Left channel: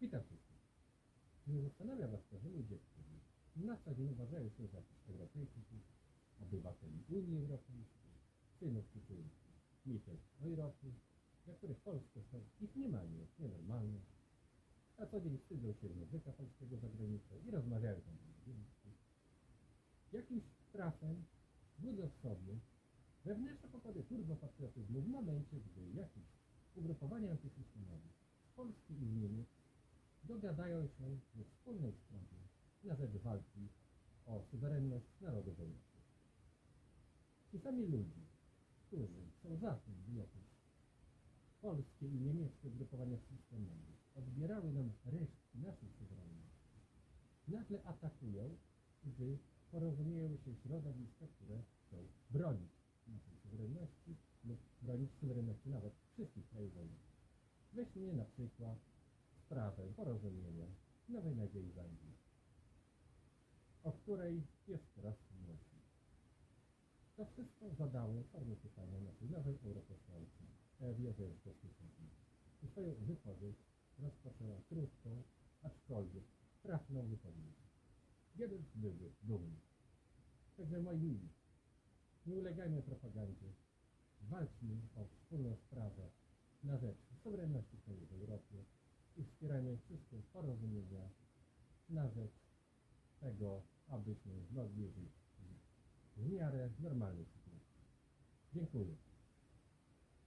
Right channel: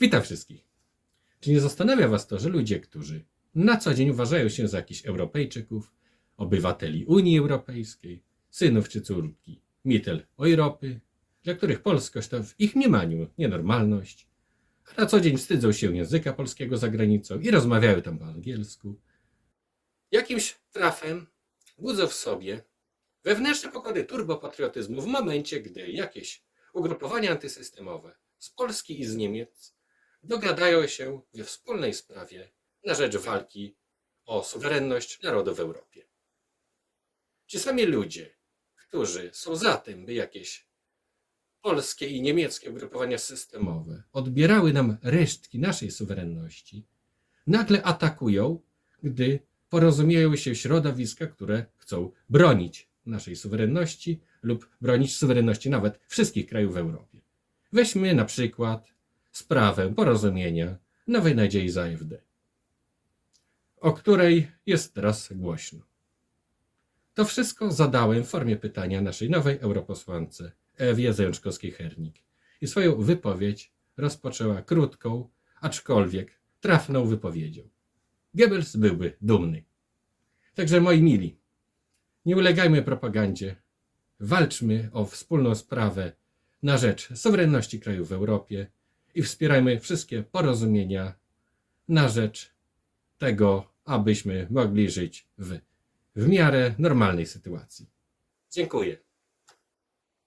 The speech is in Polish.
Witam wszystkich. Czy nie zastanawia Was to, że ludzie, którzy na co dzień uważają się za jakichś Europejczyków, obywateli Unii Europejskiej, synów czy córki Mittel Europy, dla których polskość to w ich mniemaniu nienormalność, a na co dzień wstydzą się języka polskiego za granicą i rozmawiają tam po angielsku, jakimś trafem budzą w sobie wewnętrzne pokłady turbopatriotyzmu w momencie, gdy jakieś ugrupowania antysystemowe z Polski i z Niemiec dogadają się we wspólnej sprawie na rzecz walki o suwerenność narodu w Europie. Ci sami ludzie, którzy są za tym, by jakieś polskie i niemieckie ugrupowania systemowe odbierały nam resztki naszej suwerenności, nagle atakują, gdy porozumieją się środowiska, które chcą bronić naszej suwerenności lub bronić suwerenności nawet wszystkich krajów w Europie. Weźmy na przykład sprawę porozumienia Nowej Nadziei za AfD, o której jest teraz głośno. To wszystko zadałem w formie pytania naszej nowej europosłance Ewie Zajączkowskiej-Hernik i swoją wypowiedź rozpoczęła krótką, aczkolwiek trafną wypowiedzią. Goebbels byłby dumny. Także moi mili, nie ulegajmy propagandzie, walczmy o wspólną sprawę na rzecz suwerenności krajów w Europie i wspierajmy wszystkie porozumienia na rzecz tego, abyśmy mogli żyć w, w miarę normalnej sytuacji. Dziękuję.